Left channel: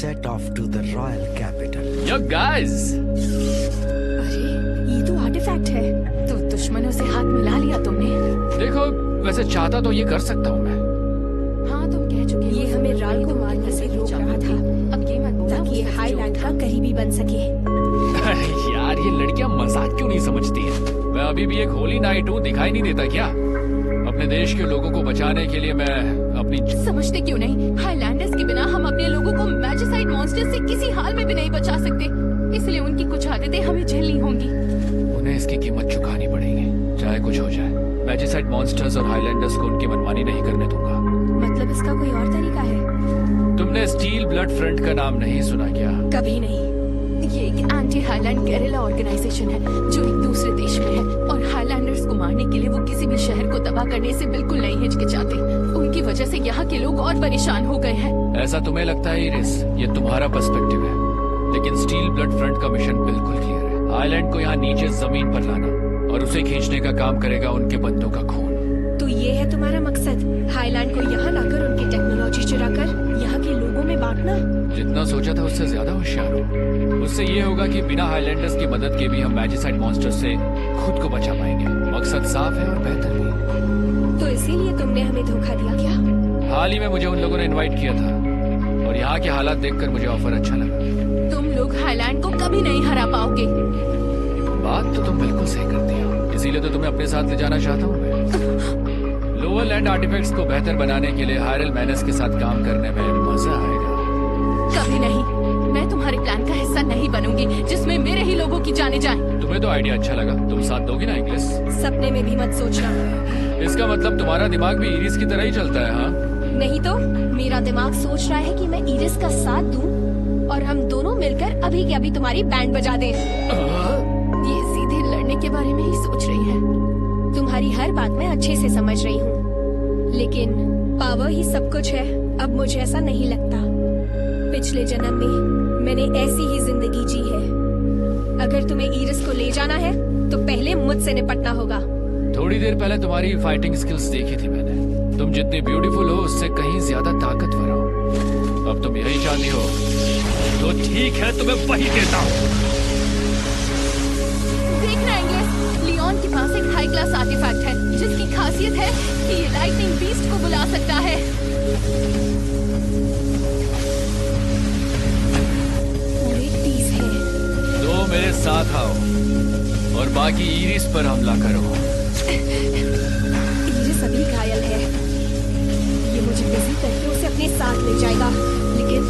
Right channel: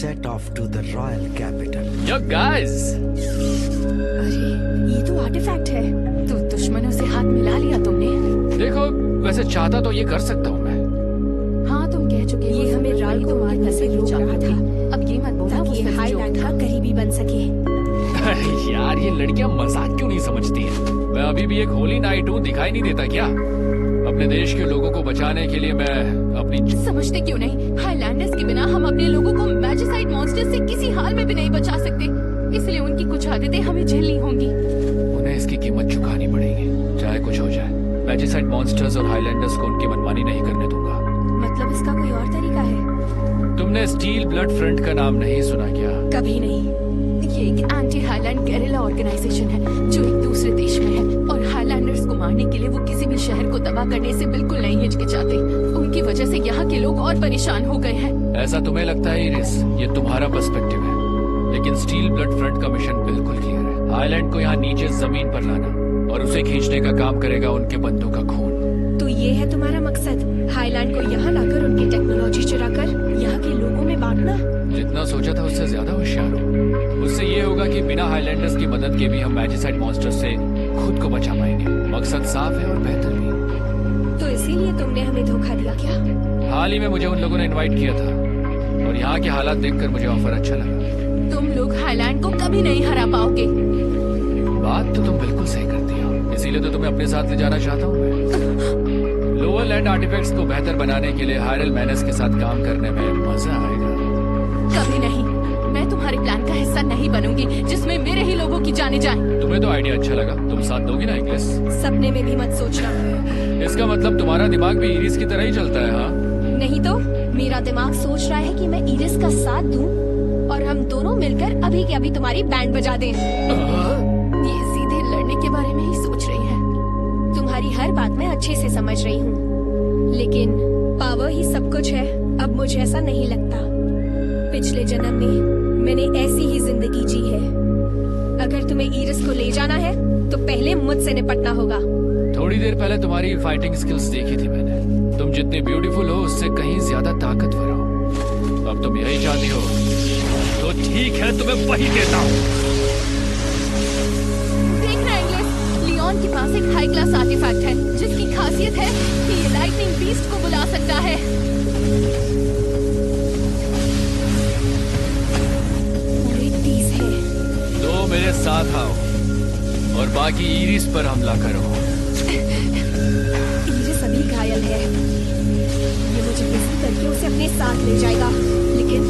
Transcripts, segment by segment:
set off to the royal capital. Yo guys! अरे ये तो आर्टिफैक्ट है। तो दुश्मनों से हाथ मिला लिया तुमने। देखो वैसे चाहता तो ये कर सकता हूँ मैं। हाँ तुम कह चुके हो। ये हमें राल को मारने से रोक रहा था, अब ये मत बोला ताकि ये हाईलैंड का करीबी बन सके। यार ये लड़कियां मजाक क्यों नहीं समझती हैं? मैं अभी भी एक होली नाइट हूँ, दिखाई नहीं देता क्या? अपने देश के लोगों को बचाने के लिए मैं अपनी समझते क्यों नहीं? हाईलैंडर्स के बिना हम अपने लोगों को मैजिसाइड मॉन्स्टर से किसी हाल में भी नहीं बचा सकते, इसलिए उनकी कुछ आदतें हमें झेलनी होंगी। उन्हें इसकी कीमत चुकानी पड़ेगी, चाहे कुछ हो जाए। मैजिसाइड मॉन्स्टर्स और हाईलैंडर्स को उनकी मनमानी नहीं करने दूंगा। मतलब इसका कोई और तरीका है? तुमने स्टील ब्लड फ्रंट का नाम नहीं सुना क्या? कभी नहीं। ये एक एंटी हाईलैंड गेरिला ऑर्गेनाइजेशन है जो एक दूसरे देश में है, और हाईलैंडर्स को मारने के लिए वो किसी भी शहर को तबाह करने से बिल्कुल नहीं हिचकिचाते। उनकी वजह से यहाँ के लोग और परेशान हो गए हैं। ऐसा तुम्हें लगता है इरिस? ये तुम्हारा पर्सपेक्टिव है, लेकिन स्टील ब्लड फ्रंट का मिशन बिल्कुल क्लियर है। हाईलैंड को यहाँ नीचे जमीन पर लाना, और उसे खींचने का काम करेगा उनके बंदों का खून। तो ये है तुम्हारा मकसद, हाईलैंड को यहाँ लाकर उनकी टेक्नोलॉजी चुराकर यहाँ के लोगों में बांटना? जितना सोचा था उससे ज्यादा होशियार हो। उससे ये होगा कि बिना हाईलैंडर्स की मदद के भी हम मैजिसाइड मॉन्स्टर से खुद को बचा पाएंगे। मकसद साफ है और बेहतर भी। तो इसीलिए तुमने हमें धोखा दिया क्या? हाल ही में मुझे उन लोगों ने इनवाइट किया था, और यहाँ के हालात देखकर मुझे ऑफर अच्छा लगा। तुम लोग हाईलैंड को कभी नहीं हरा पाओगे। बात तो तुम बिल्कुल सही करती हो, इसीलिए तो तुम्हें अपने साथ ले जाना चाहता हूँ मैं। लोअर लैंड आर्टिफैक्ट्स को बेहतर बनाने के लिए हायरल मैनस के साथ काम करने में मजा आएगा। कभी नहीं, मैं तुम्हारे प्लान का हिस्सा नहीं बनूंगी जिसमें मेरे ही लोगों की जाने जाएं। तुम्हें तो आइडिया अच्छा लगा, तुम साथ दोगी ना इंग्लिश? सपने में भी मत सोचना। इसका मतलब तुम्हारा दिमाग भी इरिस की तरह ही चलता है, हाँ? नहीं तो मेरा दिमाग सोच रहा है कि मैं इरिस का साथ दूं और हम दोनों मिलकर अभी के अभी तुम्हारी बैंड बजा दें। ये सीधे लड़ने के बारे में ही सोच रही है। तुम्हारी हर बात मैं अच्छे से समझ रही हूँ, लेकिन पावर ही सब कुछ है। अब मुझे ऐसा नहीं लगता। पिछले जन्म में मैंने ऐसी ही जिंदगी जी है। अगर तुम्हें इरिस को ले जाना है तो पहले मुझसे निपटना होगा। थोड़ी देर पहले तुम्हारी फाइटिंग स्किल्स देखी थी मैंने। तुम जितनी ब्यूटीफुल हो उससे कहीं ज्यादा ताकतवर हो। अब तुम यही चाहती हो तो ठीक है, तुम्हें वही देता हूँ। देखना इंग्लिश, लियोन के पास एक हाई क्लास आर्टिफैक्ट है जिसकी खासियत है कि ये लाइटनिंग बीस्ट को बुला सकता है। तो मेरे साथ आओ और बाकी इरिस पर हमला करो। इरिस अभी घायल है, ये मुझे बिजी करके उसे अपने साथ ले जाएगा, लेकिन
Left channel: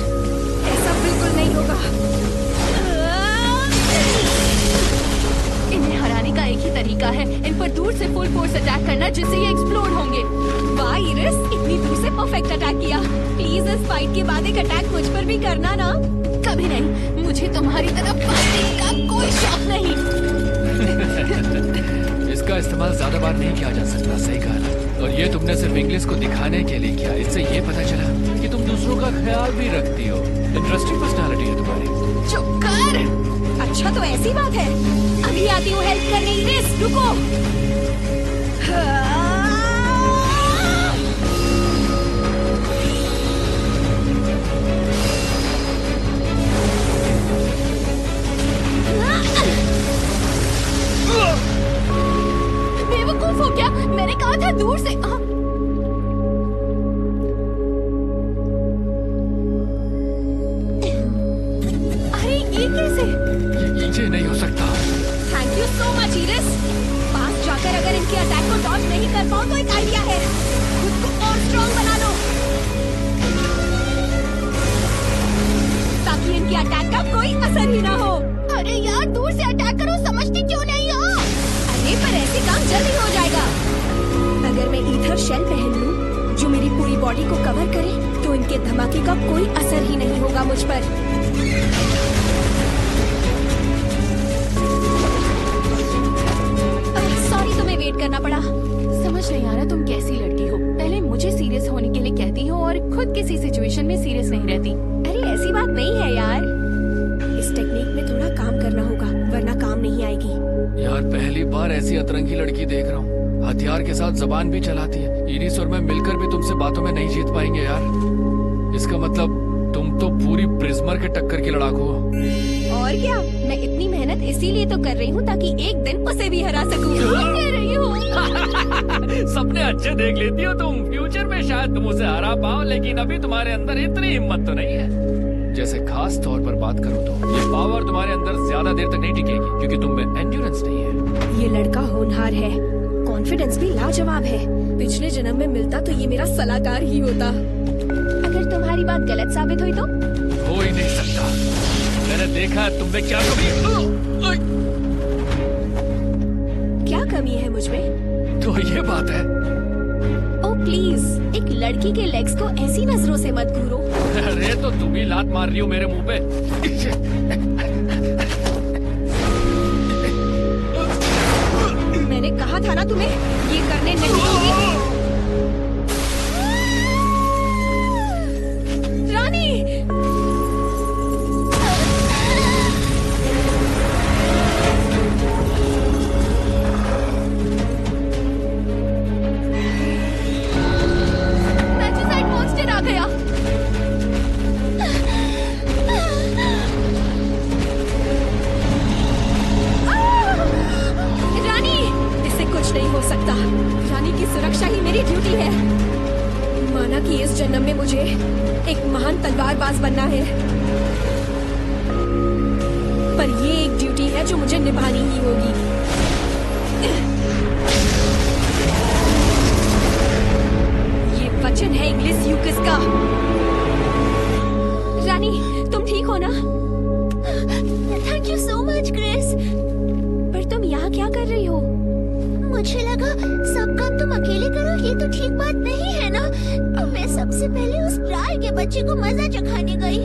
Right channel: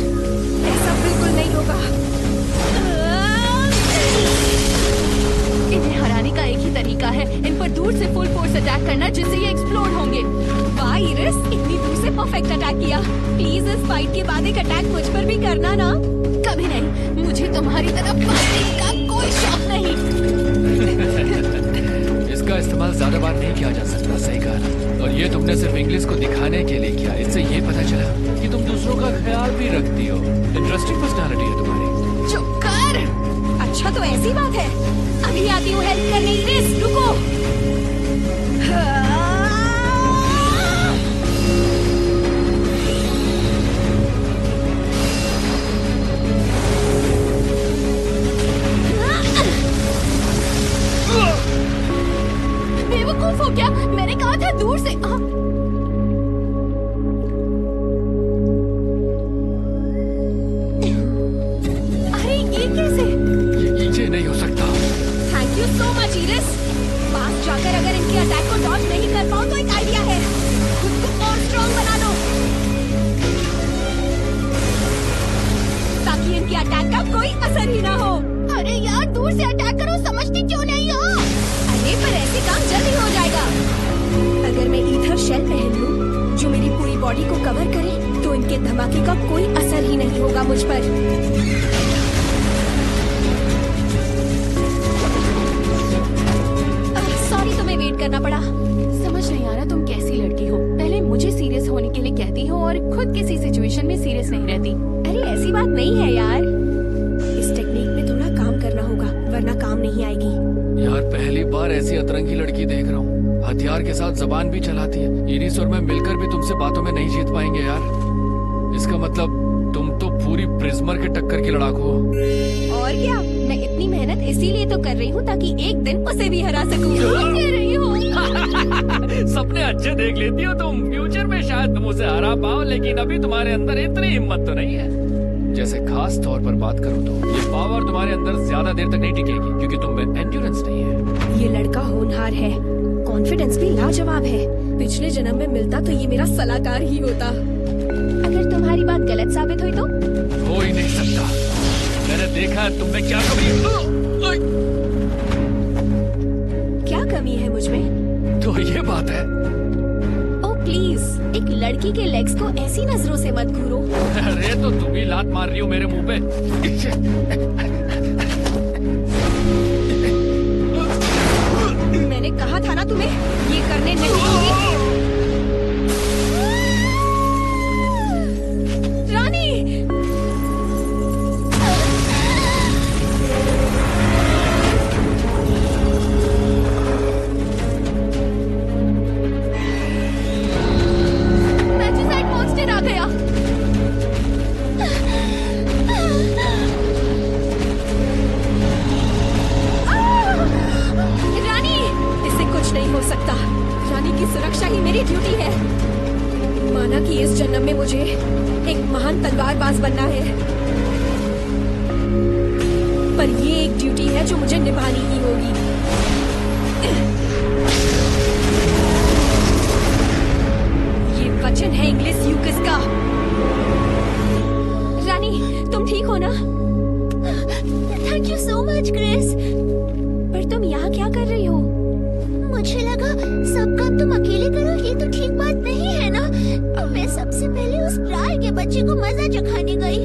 ऐसा बिल्कुल नहीं होगा। इन्हें हराने का एक ही तरीका है, इन पर दूर से फुल फोर्स अटैक करना जिससे ये एक्सप्लोड होंगे। वाह इरिस, इतनी दूर से परफेक्ट अटैक किया। प्लीज इस फाइट के बाद एक अटैक मुझ पर भी करना ना। कभी नहीं, मुझे तुम्हारी तरफ फाइटिंग का कोई शौक नहीं। इसका इस्तेमाल ज्यादा बार नहीं किया जा सकता, सही कहा ना? और ये तुमने सिर्फ इंग्लिश को दिखाने के लिए किया। इससे ये पता चला कि तुम दूसरों का ख्याल भी रखती हो। इंटरेस्टिंग पर्सनालिटी है तुम्हारी। चुप कर। अच्छा तो ऐसी बात है, अभी आती हूँ हेल्प करने। इरिस रुको। बेवकूफ हो क्या? मैंने कहा था दूर से। अरे ये कैसे? ये नहीं हो सकता। Thank you so much Iris. पास जाकर अगर इनके अटैक को डॉज नहीं कर पाओ तो एक आइडिया है, खुद को और स्ट्रॉन्ग बना लो ताकि इनके अटैक का कोई असर ही ना हो। अरे यार दूर से अटैक करो, समझती क्यों नहीं हो? अरे पर ऐसे काम जल्दी हो जाएगा। अगर मैं ईथर शेल पहन लूं जो मेरी पूरी बॉडी को कवर करे तो इनके धमाके का कोई असर ही नहीं होगा मुझ पर। सॉरी तुम्हें वेट करना पड़ा। समझ नहीं आ रहा तुम कैसी लड़की हो। पहले मुझे सीरियस होने के लिए कहती हो और खुद किसी सिचुएशन में सीरियस नहीं रहती। अरे ऐसी बात नहीं है यार, इस टेक्निक में थोड़ा काम करना होगा वरना काम नहीं आएगी। यार पहली बार ऐसी अतरंगी लड़की देख रहा हूँ, हथियार के साथ जबान भी चलाती है। इरिस और मैं मिलकर भी तुमसे बातों में नहीं जीत पाएंगे यार। इसका मतलब तुम तो पूरी प्रिज्मर के टक्कर की लड़ाकू हो। और क्या, मैं इतनी मेहनत इसीलिए तो कर रही हूँ ताकि एक दिन उसे भी हरा सकूँ। कह रही हूँ। सपने अच्छे देख लेती हो तुम। फ्यूचर में शायद तुम उसे हरा पाओ, लेकिन अभी तुम्हारे अंदर इतनी हिम्मत तो नहीं है। जैसे खास तौर पर बात करूँ तो ये पावर तुम्हारे अंदर ज्यादा देर तक नहीं टिकेगी, क्योंकि तुम में एंड्योरेंस नहीं है। ये लड़का होनहार है, कॉन्फिडेंस भी लाजवाब है। पिछले जन्म में मिलता तो ये मेरा सलाहकार ही होता। अगर तुम्हारी बात गलत साबित हुई तो? हो ही नहीं सकता। मैंने देखा है तुम में क्या कमी। क्या कमी है मुझ में? तो ये बात है। ओ प्लीज, एक लड़की के लेग्स को ऐसी नजरों से मत घूरो। अरे तो तुम ही लात मार रही हो मेरे मुंह पे। मैंने कहा था ना तुम्हें ये करने नहीं दूंगी। रानी, मैजिसाइड मॉन्स्टर आ गया। रानी, इससे कुछ नहीं हो सकता। रानी की सुरक्षा ही मेरी ड्यूटी है। माना कि इस जन्म में मुझे एक महान तलवारबाज बनना है, पर ये एक ड्यूटी है जो मुझे निभानी ही होगी। ये वचन है इंग्लिश यूकिस का। रानी, तुम ठीक हो ना? Thank you so much Chris. पर तुम यहाँ क्या कर रही हो? मुझे लगा सब काम तुम अकेले करो, ये तो ठीक बात नहीं है ना। तो मैं सबसे पहले उस प्राय के बच्चे को मजा चखाने गई।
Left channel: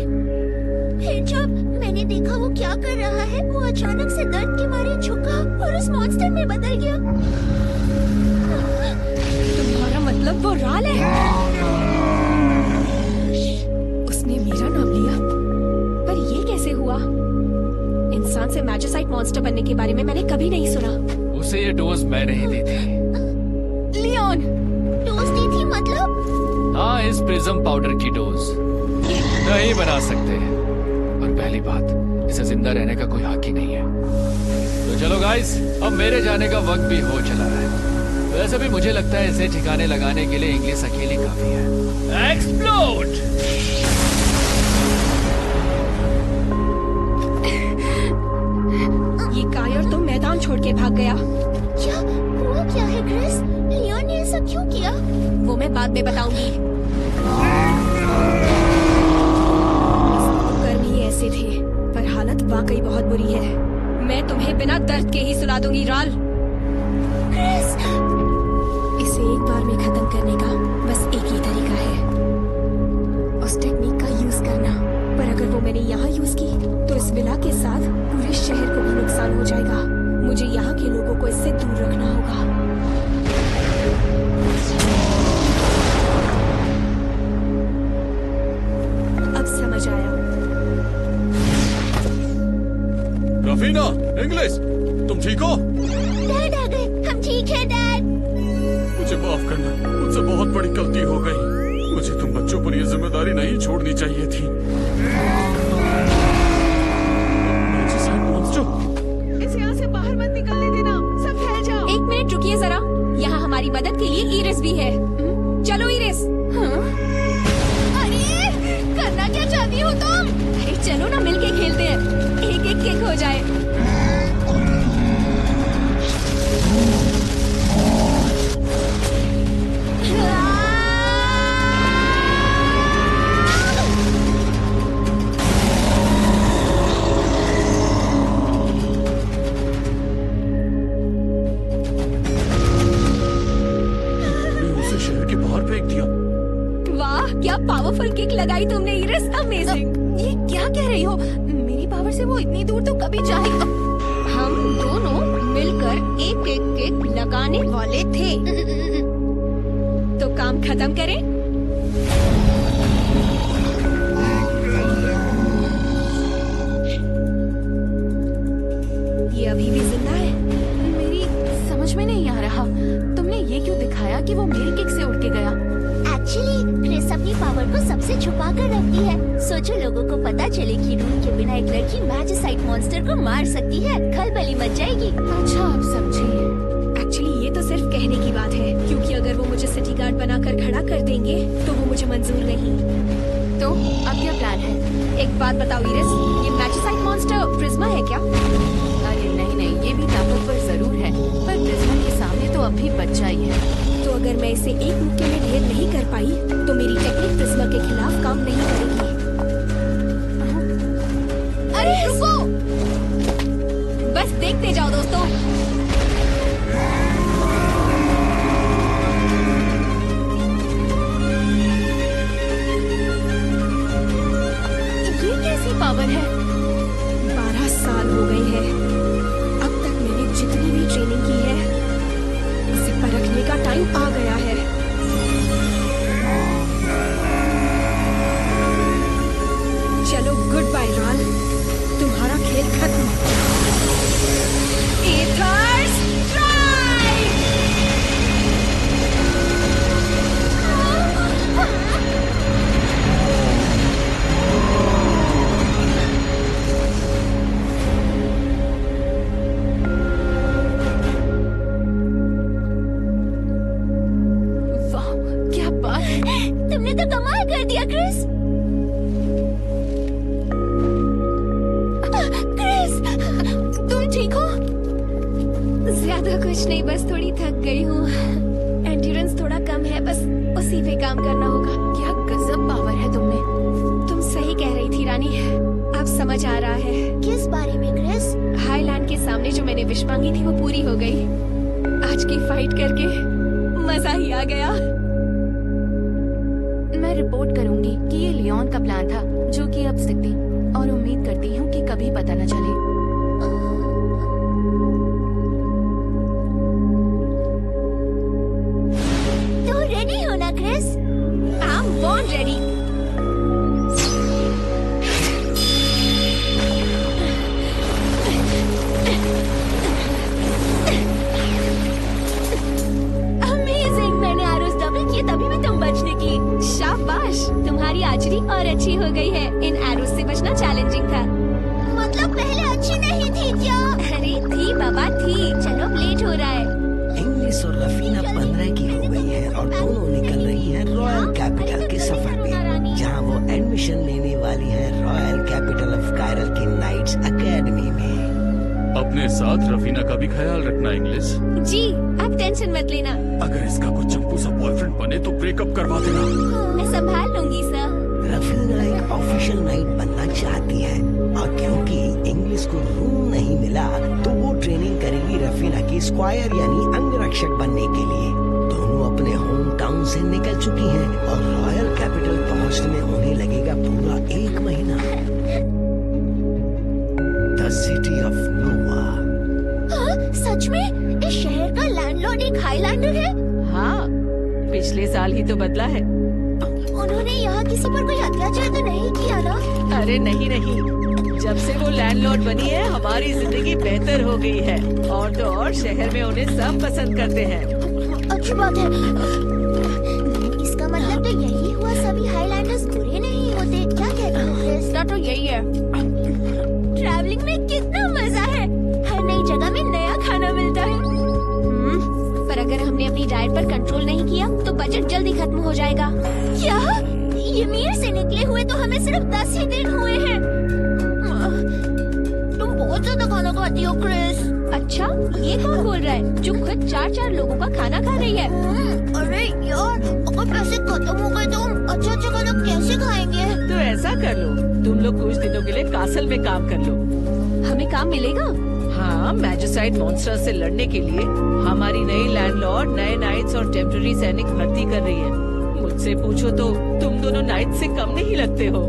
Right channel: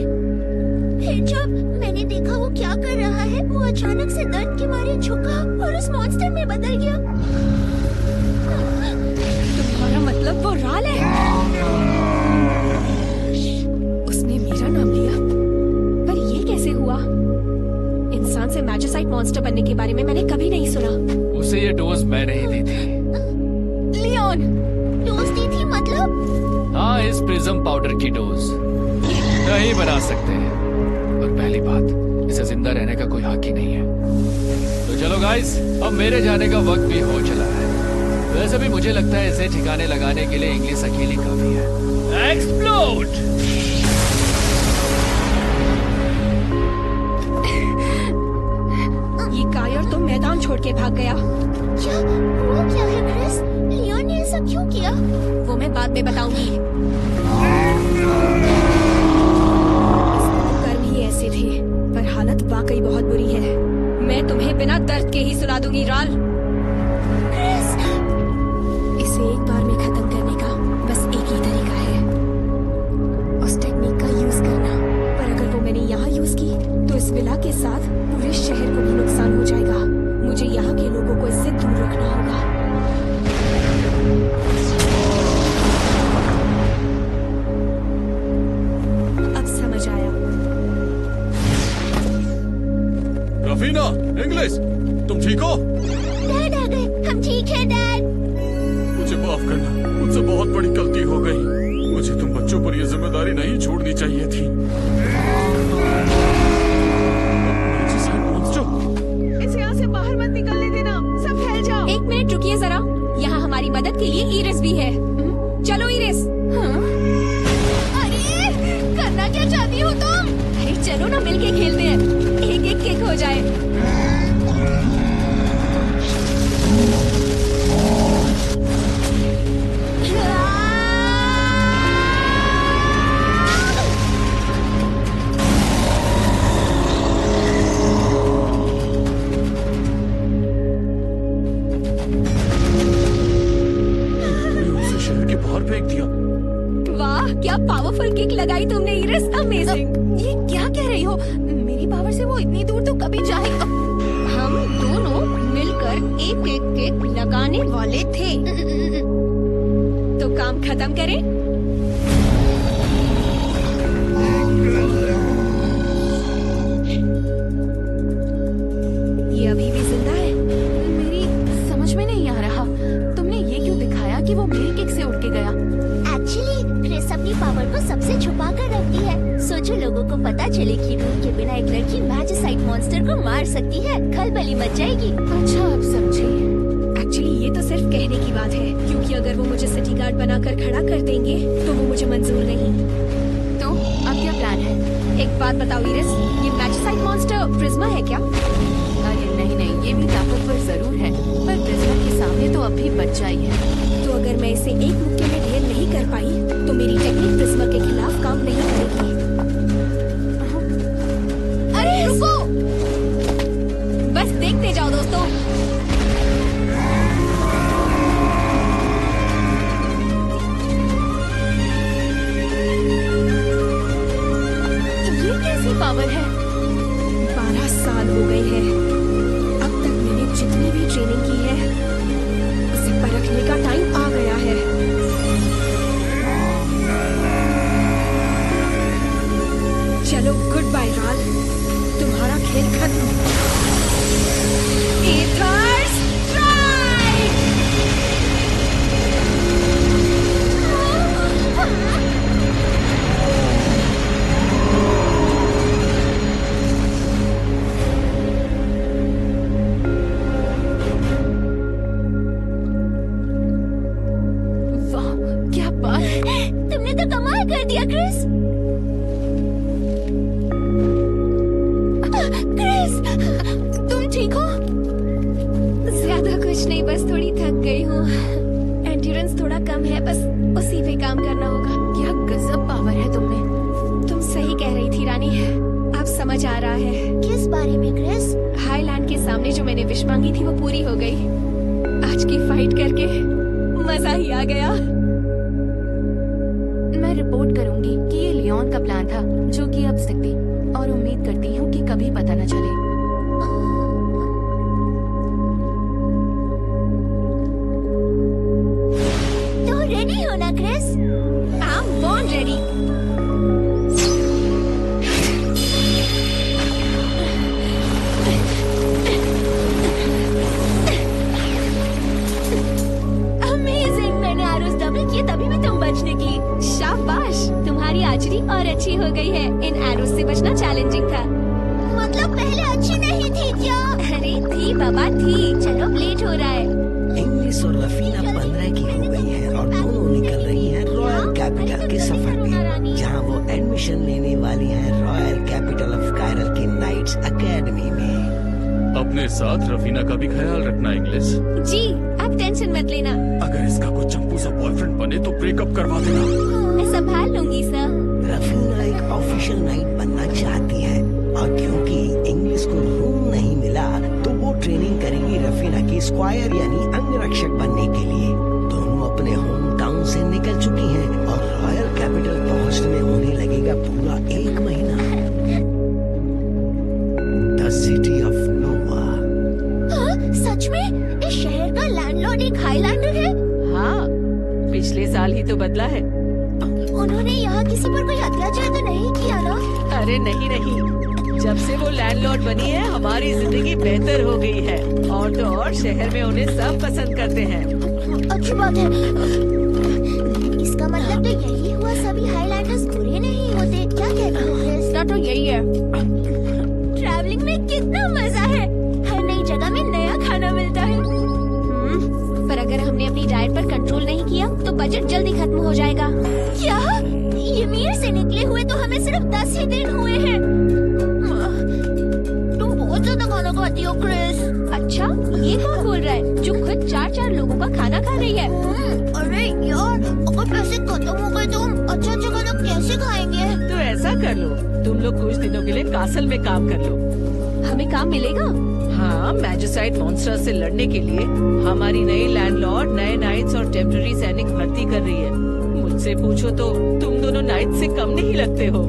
फिर जब मैंने देखा वो क्या कर रहा है, वो अचानक से दर्द के मारे झुका और उस मॉन्स्टर में बदल गया। तुम्हारा मतलब वो राल है? उसने मेरा नाम लिया, पर ये कैसे हुआ? इंसान से मैजिसाइड मॉन्स्टर बनने के बारे में मैंने कभी नहीं सुना। उसे ये डोज मैंने ही दी थी। लियोन, डोज दी थी मतलब? हाँ, इस प्रिज्म पाउडर की डोज नहीं बना सकते। और पहली बात, इसे जिंदा रहने का कोई हक ही नहीं है। तो चलो गाइस, अब मेरे जाने का वक्त भी हो चला है। वैसे भी मुझे लगता है इसे ठिकाने लगाने के लिए इंग्लिश अकेली काफी है। एक्सप्लोड! ये कायर तो मैदान छोड़ के भाग गया। क्या हुआ? क्या है क्रिस? लियोन ने ऐसा क्यों किया? वो मैं बाद में बताऊंगी। कर्म ही ऐसे थे, पर हालत वाकई बहुत बुरी है। मैं तुम्हें बिना दर्द के ही सुला दूंगी राल। क्रिस, इसे एक बार में खत्म करने का बस एक ही तरीका है, उस टेक्निक का यूज करना। पर अगर वो मैंने यहाँ यूज की तो इस विला के साथ पूरे शहर को भी नुकसान हो जाएगा। मुझे यहाँ के लोगों को इससे दूर रखना होगा। अब समझ आया। रफीना, इंग्लिश, तुम ठीक हो? डैड आ गए। हम ठीक है डैड। मुझे माफ करना, मुझसे बहुत बड़ी गलती हो गई। मुझे तुम बच्चों पर यह जिम्मेदारी नहीं छोड़नी चाहिए थी। इसे यहाँ से बाहर मत निकलने देना, सब फैल जाओ। एक मिनट रुकिए जरा, यहाँ हमारी मदद के लिए इरिस भी है। चलो इरिस। अरे करना क्या चाहती हो तुम? अरे चलो ना, मिलके खेलते हैं। एक एक किक हो जाए। शहर के बाहर फेंक दिया। वाह, क्या पावरफुल किक लगाई तुमने इरिस, अमेजिंग। ये क्या कह रही हो? मेरी पावर से वो इतनी दूर तो कभी जा ही। हम दोनों मिलकर एक एक किक लगाने वाले थे। तो काम खत्म करें? ये अभी भी जिंदा है। मेरी समझ में नहीं आ रहा। तुमने ये क्यों दिखाया कि वो मेरी किक से उड़ के गया? एक्चुअली क्रिस अपनी पावर को सबसे छुपा कर रखती है। सोचो लोगों को पता चले कि रूम के बिना एक लड़की मैजिसाइट मॉन्स्टर को मार सकती है, खलबली मच जाएगी। अच्छा आप समझी। एक्चुअली ये तो सिर्फ कहने की बात है, क्योंकि अगर वो मुझे सिटी गार्ड बनाकर खड़ा कर देंगे तो वो मुझे मंजूर नहीं। तो अब क्या प्लान है? एक बात बताओ इरिस, ये मैजिसाइट मॉन्स्टर प्रिज्मा है क्या? अरे नहीं, ये भी ताकतवर जरूर है, पर प्रिज्मा के सामने तो अब भी बच्चा ही है। तो अगर मैं इसे एक मुक्के में ढेर नहीं कर पाई तो मेरी टेक्निक प्रिज्मा के खिलाफ काम नहीं करेगी। अरे रुको, बस देखते जाओ दोस्तों। ये कैसी पावर है? 12 साल हो गए हैं। अब तक मैंने जितनी भी ट्रेनिंग की है उसे परखने का टाइम आ गया है। चलो गुड बाय राल, तुम्हारा खेल खत्म। Ether strike! वाह, क्या बात है। तुमने तो कमाल कर दिया क्रिस। क्रिस, तुम ठीक हो? ज्यादा कुछ नहीं, बस थोड़ी थक गई हूँ। एंड्योरेंस थोड़ा कम है, बस उसी पे काम करना होगा। क्या गजब पावर है तुममें। तुम सही कह रही थी रानी, अब समझ आ रहा है। किस बारे में क्रिस? हाईलैंड के सामने जो मैंने विश मांगी थी वो पूरी हो गई। आज की फाइट करके मजा ही आ गया। मैं रिपोर्ट करूंगी कि ये लियोन का प्लान था, जो कि अब स्थिति, और उम्मीद करती हूँ कि कभी पता न चले। तो रेडी हो ना Chris? I am born ready. Amazing, मैंने आरोस डबल किए तभी भी तुम बच निकली। शाबाश, तुम्हारी आर्चरी और अच्छी हो गई है। इन एरोस से बचना चैलेंजिंग था। मतलब पहले अच्छी नहीं थी क्या? अरे थी बाबा थी। चलो लेट हो रहा है। इंग्लिश और रफीना 15 की हो गई हैं और दोनों निकल रही हैं रॉयल कैपिटल के सफर पे, जहां वो एडमिशन लेने वाली हैं रॉयल कैपिटल ऑफ कायरल की नाइट्स एकेडमी में। अपने साथ रफीना का भी ख्याल रखना इंग्लिश। जी, आप टेंशन मत लेना, अगर इसका कोई चंपू सा बॉयफ्रेंड बने तो ब्रेकअप करवा देना। मैं संभाल लूंगी सर। रफीना एक ऑफिशियल नाइट बनना चाहती है और क्योंकि इंग्लिश को रूम नहीं मिला तो वो ट्रेनिंग करेगी रफीना की स्क्वायर यानी अंगरक्षक बनने के लिए। दोनों अपने होम टाउन से निकल चुकी हैं और रॉयल कैपिटल पहुंचने में उन्हें लगेगा पूरा 1 महीना। द सिटी ऑफ नोवा। हाँ, सच में इस शहर का लैंडलॉर्ड एक हाईलैंडर है। हाँ, पिछले साल ही तो बदला है। उन्होंने यहाँ किसी पर कोई अत्याचार तो नहीं किया ना? अरे नहीं, जब से वो लैंडलॉर्ड बनी है हमारी जिंदगी बेहतर हो गई है। और तो और शहर में उन्हें सब पसंद करते हैं। अच्छी बात है। इसका मतलब तो यही हुआ, सभी हाईलैंडर्स बुरे नहीं होते। क्या कहते हो क्रिस? तो यही है। ट्रैवलिंग में कितना मजा है। हर नई जगह में नया खाना मिलता है। पर अगर हमने अपनी डाइट पर कंट्रोल नहीं किया तो बजट जल्दी खत्म हो जाएगा। क्या? ईमेल से निकले हुए तो हमें सिर्फ 10 ही दिन हुए हैं। तुम बहुत ज्यादा खाना खाती हो क्रिस। अच्छा, ये कौन बोल रहा है जो खुद 4-4 लोगों का खाना खा रही है? अरे यार, अगर पैसे खत्म हो गए तो हम अच्छा खाना कैसे खाएंगे? तो ऐसा कर लो, तुम लोग कुछ दिनों के लिए कासल में काम कर लो। हमें काम मिलेगा? हाँ, मैजिसाइट मॉन्स्टर से लड़ने के लिए हमारी नई लैंडलॉर्ड नए नाइट्स और टेम्पररी सैनिक भर्ती कर रही है। मुझसे पूछो तो तुम दोनों नाइट से कम नहीं लगते हो।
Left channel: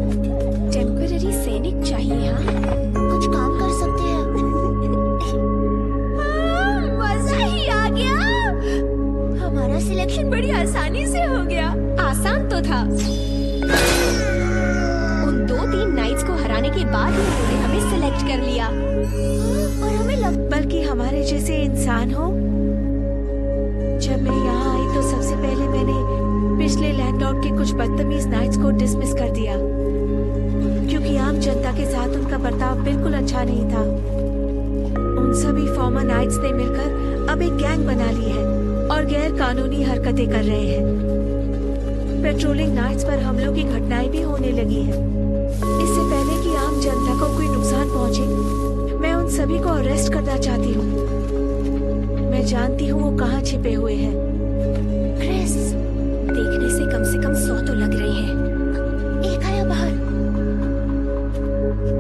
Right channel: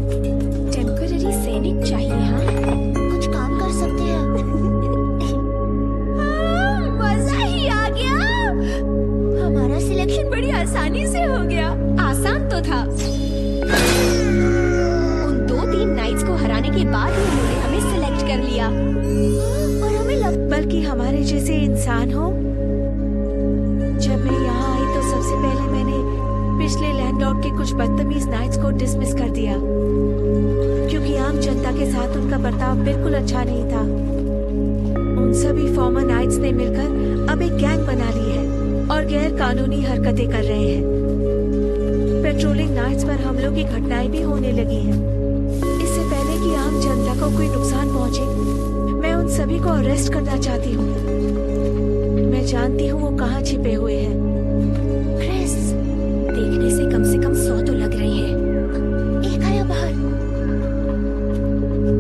टेम्पररी सैनिक चाहिए? हाँ, कुछ काम कर सकते हैं। मजा ही आ गया। हमारा सिलेक्शन बड़ी आसानी से हो गया। आसान तो था। उन 2-3 नाइट्स को हराने के बाद ही उन्होंने हमें सिलेक्ट कर लिया। और हमें बल्कि हमारे जैसे इंसान हो। जब मैं यहाँ आई तो सबसे पहले मैंने पिछले लैंडलॉर्ड के कुछ बदतमीज नाइट्स को डिसमिस कर दिया क्योंकि आम जनता के साथ उनका बर्ताव बिल्कुल अच्छा नहीं था। उन सभी फॉर्मर नाइट्स ने मिलकर अब एक गैंग बना ली है और गैर कानूनी हरकतें कर रहे हैं। पेट्रोलिंग नाइट्स पर हमलों की घटनाएं भी होने लगी हैं। इससे पहले कि आम जनता को कोई नुकसान पहुंचे, मैं उन सभी को अरेस्ट करना चाहती हूँ। मैं जानती हूँ वो कहाँ छिपे हुए हैं। क्रिस, देखने से कम 100 तो लग रहे हैं। एक आया बाहर।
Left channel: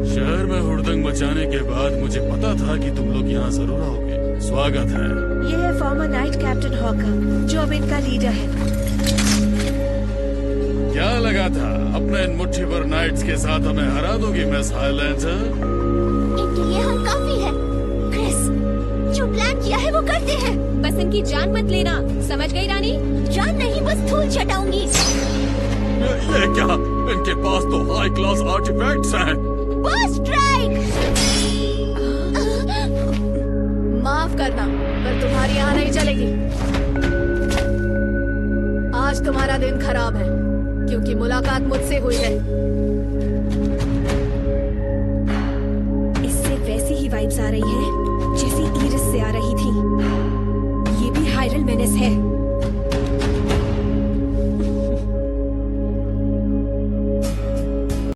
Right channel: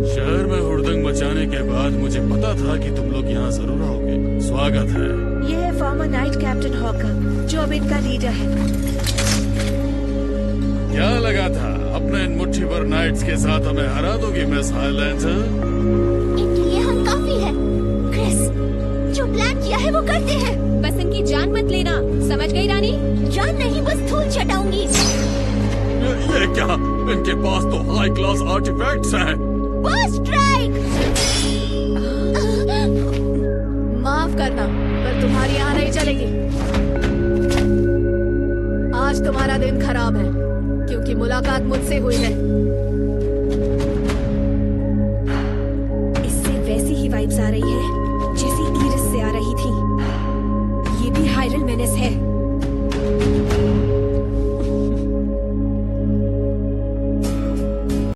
शहर में हुड़दंग मचाने के बाद मुझे पता था कि तुम लोग यहाँ जरूर आओगे। स्वागत है। ये है फॉर्मर नाइट कैप्टन हॉकर, जो अब इनका लीडर है। क्या लगा था अपने इन मुट्ठी भर नाइट्स के साथ हमें हरा दोगी मिस हाईलैंडर? इनके लिए हम काफी है। क्रिस, जो प्लान किया है वो करते हैं। बस इनकी जान मत लेना, समझ गई रानी? जान नहीं, बस धूल चटाऊंगी। ये क्या? इनके पास तो हाई क्लास आर्टिफैक्ट्स हैं। बस स्ट्राइक। माफ करना, पर तुम्हारी यहाँ नहीं चलेगी। आज तुम्हारा दिन खराब है क्योंकि मुलाकात मुझसे हुई है। इससे वैसी ही वाइब्स आ रही है जैसी इरिस से आ रही थी। ये भी हायरल मेनेस है।